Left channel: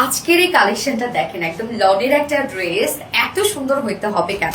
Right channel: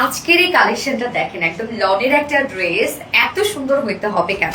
আজকের এই কালেকশনটা দেখেন, একদম লনের একটা ড্রেস এত সুন্দর হইতে হবে কেন?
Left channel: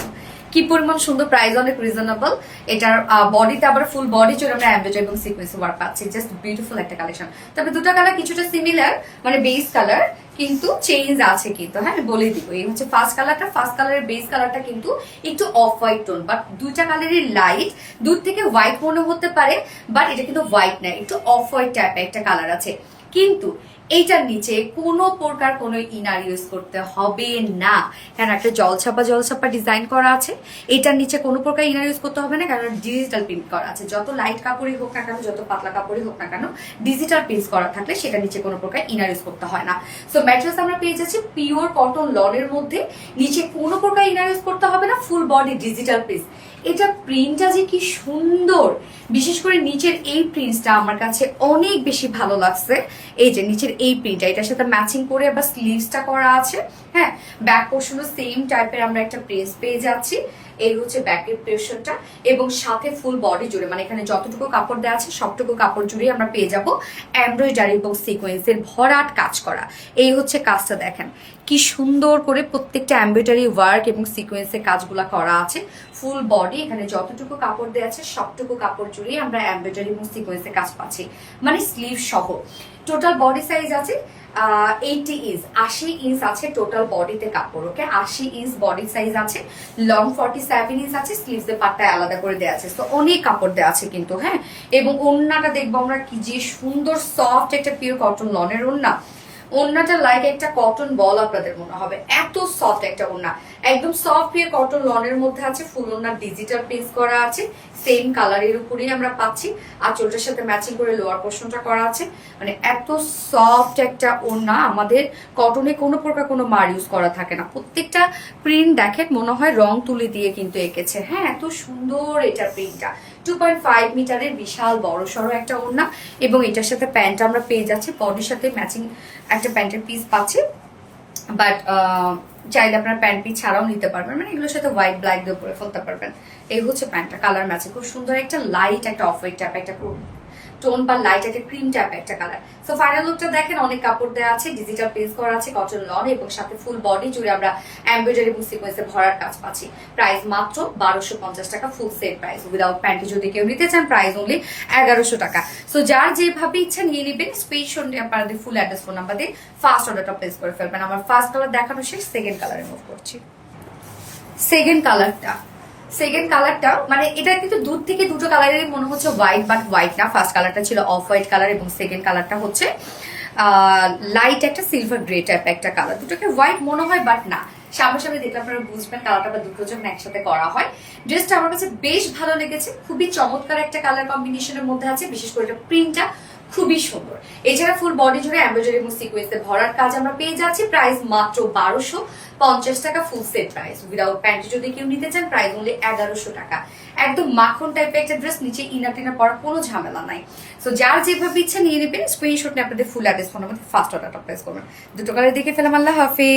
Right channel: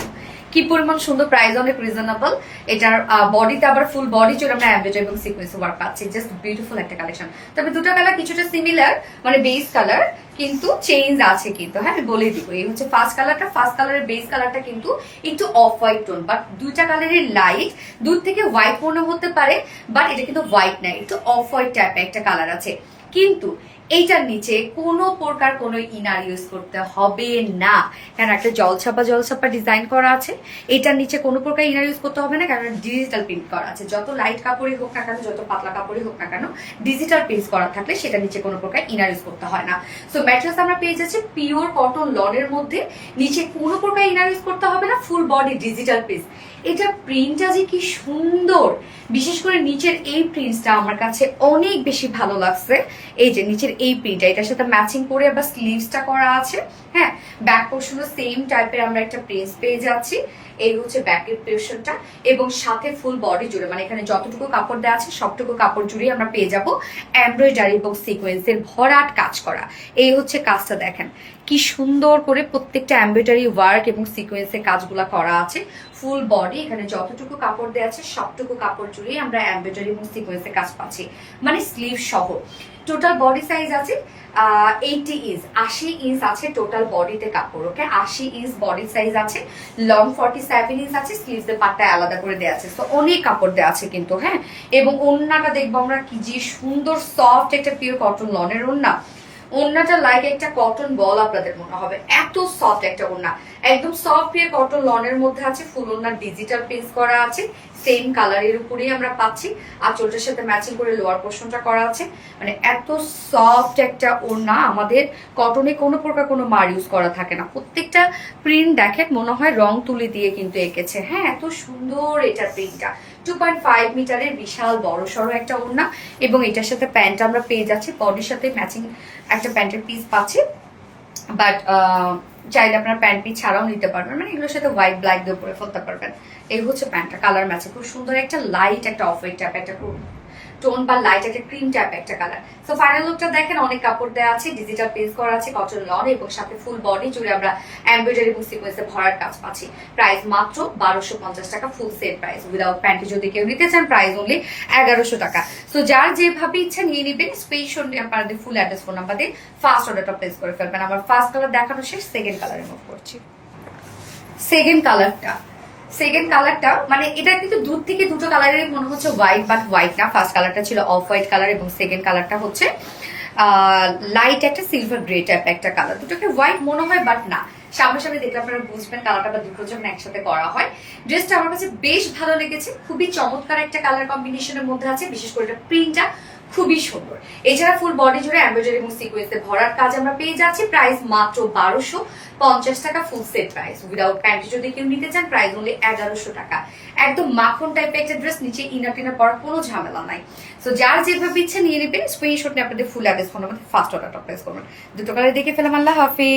কি পরিমাণ সুন্দর, প্রাইস অনেক রিজনেবল। এটার বডিতে আবার ফুল বডি জুড়ে আমরা এমব্রয়ডারি এবং সিকোয়েন্স ওয়ার্ক পাচ্ছি। জাস্ট বিউটিফুল একটা কালেকশন। তবে দুটো কালার কিছুটা সিমিলার, মানে বেস কালার, কিন্তু চেঞ্জ আছে কিন্তু। হ্যাঁ, আমি বলে দিব, এই হচ্ছে ফার্স্ট কালারটা। ফার্স্ট কালারের বেস কালারটা কিন্তু একটু অফ হোয়াইট টোন, বাট দুইটা কালারের লাইট। দূর থেকে হোয়াইট মনে হতে পারে, বাট এটা কিন্তু হোয়াইট না, একটু অফ হোয়াইট টাইপের একটা কালার আছে। কিন্তু এইটার নিচে কোনো প্রকার কোনো ইনার ইউজ করতে হবে না, কারণ একটা জলছাপা ডিজাইন করা আছে। এটার নিচে কোনো প্রকার ইনার ইউজ করতে হবে না, কারণ ডিজিটাল প্রিন্ট করা আছে। যত লাইট কাপড়ই হোক না কেন, যত পাতলা কাপড়ই হোক না কেন, ডিজিটাল প্রিন্ট করা থাকলে সেটার নিচে কোনো প্রকার ইনার ইউজ করতে হয় না। সো ম্যাটেরিয়ালস আমরা পেয়ে যাচ্ছি পিওর কটন লনের মধ্যে। নিচে কোনো প্রকার ইনার ইউজ করতে হবে না, ফুল বডি ডিজিটাল প্রিন্ট। এটা প্রিন্টটা যে কি সুন্দর, বিশেষ করে নিচের এই প্রিন্টটা আমার কাছে অনেক বেশি ভালো লাগছে। এই যে নিচের এই প্রিন্টটা, এটার সাথে ম্যাচিং করে আবার স্লিভসটা করা আছে। হ্যাঁ, ব্যাক পোর্শনও সেম টাইপের আমরা একটা প্রিন্ট পেয়ে যাচ্ছি। এই হচ্ছে ব্যাকের পোর্শনটা, এবং সাথে ফুল বডি জুড়ে, মানে এখানে যতটুকু কাপড় দেওয়া আছে সবটুকু কাপড় জুড়ে আমরা পেয়ে যাব এমব্রয়ডারি এবং সিকোয়েন্সের ভরাট কাজ করা। এই হচ্ছে কাজটা দেখেন, কি সুন্দর করে প্রত্যেকটা এমব্রয়ডারি ওয়ার্ক এবং সিকোয়েন্সের কাজগুলা করা আছে। ফুল বডি এখানে যতটুকু কাপড় দেওয়া আছে সবটুকু কাপড় জুড়ে আমরা এমব্রয়ডারি এবং সিকোয়েন্সের কাজ পাচ্ছি, মানে স্লিভ সহ। টোটাল বডি সাইজ আছে 80 ইঞ্চ, 80 ইঞ্চ আছে টোটাল বডিতে কাপড়। ওকে, 80 ইঞ্চ বডি সাইজ আছে। লং 47 ইঞ্চ আছে। স্লিভস এর পাটটা আলাদা করে দেওয়া আছে। তো অনেক কাপড় দেওয়া আছে কিন্তু। হ্যাঁ, এবং ওড়নাটা দেখবো আমরা, কি যে সুন্দর সফট একটা পিওর কটন লনের ওড়না। ওড়নাটা লাইক একটা কটন বল আপনাদের মনে হবে, এত সফট একটা ওড়না। একদম সফট পিওর কটন লনের মধ্যে আছে। ফুল ওড়না ডিজিটাল প্রিন্ট করা আছে, সেম কালারের উপরেই আমরা পাচ্ছি। আর চোলটার সাথে ম্যাচিং করে লোয়ার পোর্শনটা করা আছে। মানে এত সফট একটা ওড়না, আমাদের কটনে কোনো প্রকার কোনো মার ইউজ করা থাকে না। প্রত্যেকটা প্রিন্ট দেখেন মনে হয় রং তুলি দিয়ে কিন্তু এঁকেছে। হ্যাঁ, এত সুন্দর এটা প্রিন্টটা। 2.5 মিটারের বিশাল বড় সড়ো একটা ওড়না, এবং এটার সাথে প্যান্ট আমরা পেয়ে যাচ্ছি। বডির সাথে ম্যাচিং একটা প্যান্টের পিস পাচ্ছি, বাট চাইলে আপনারা প্যান্ট পিস ছাড়াও নিতে পারবেন, মানে এগুলোর সাথে হোয়াইট ব্ল্যাক দিয়ে পরে ফেলতে পারবেন। এই হচ্ছে প্যান্টটা, কালার ম্যাচিং খুব সুন্দর একটা লাইট একটা অফ হোয়াইট টাইপ একটা টোন বা লাইট একটা ক্রিম টাইপ একটা কালার। সো ফাইনাল লুকটা দেখেন, অনেক কাপড় দেওয়া আছে, ডিজিটাল প্রিন্ট করা আছে, কটন লন, এবং সাথে ফুল বডি জুড়ে আমরা এমব্রয়ডারি এবং সিকোয়েন্সে ভরার কাজ পাচ্ছি। প্রাইস মাত্র 1250 টাকা, ফুল সেট প্রাইস। উইদাউট প্যান্টে যদি কেউ নিতে চান প্রাইস অনলি 1100 টাকা। সো যার যেভাবে ইচ্ছা নিয়ে নেবেন। স্পেশাল আপনাদের ফুল অ্যাড্রেস ফোন নাম্বার দিয়ে ফার্স্ট অর্ডারটা প্লেস করে ফেলবেন। আমার ফার্স্ট কালার দেখানো শেষ, সেকেন্ড কালারে মুভ করছি। সেকেন্ড কালারটা মানে এটা কিন্তু দূর থেকে দুটো কালারের মনে হচ্ছে হোয়াইট, বাট হোয়াইট না। ফার্স্ট কালারটা ছিল অফ হোয়াইট কালার, এবং সেকেন্ড কালারটা হচ্ছে লাইট একটা সিলভার গ্রে টাইপ একটা কালার। দুটোকে হোয়াইট মনে হয়, বাট না। সামনাসামনি দেখলে আপনারা বুঝবেন কালারটা বা দুটো যখন একসাথে করা হয়। ড্রেসটা আমার কাছে বেশ ভালো লেগেছে, খুবই চমৎকার একটা কালার কম্বিনেশনের মধ্যে আছে। বিশেষ করে এটা প্রিন্টটা খুবই সুন্দর। এছাড়া ফুল বডি জুড়ে এমব্রয়ডারি এবং সিকোয়েন্সে ভরার কাজ আমরা পেয়ে যাচ্ছি। প্রাইস মাত্র 1250 টাকা, ফুল সেট প্রাইস। উইদাউট প্যান্টে যদি কেউ নিতে চান প্রাইস অনলি 1100 টাকা। একদম মাখন টাইপের একটা ড্রেস, নিচে ইনার টিনার পরার কোনো ঝামেলা নাই। সো যার যেভাবে ইচ্ছা নিয়ে নেবেন। স্ক্রিনশট নিয়ে আপনাদের full address phone number first অর্ডারটা প্লেস করবেন। দুটো কালার দেখে ফেলাম। আল্লাহ হাফিজ।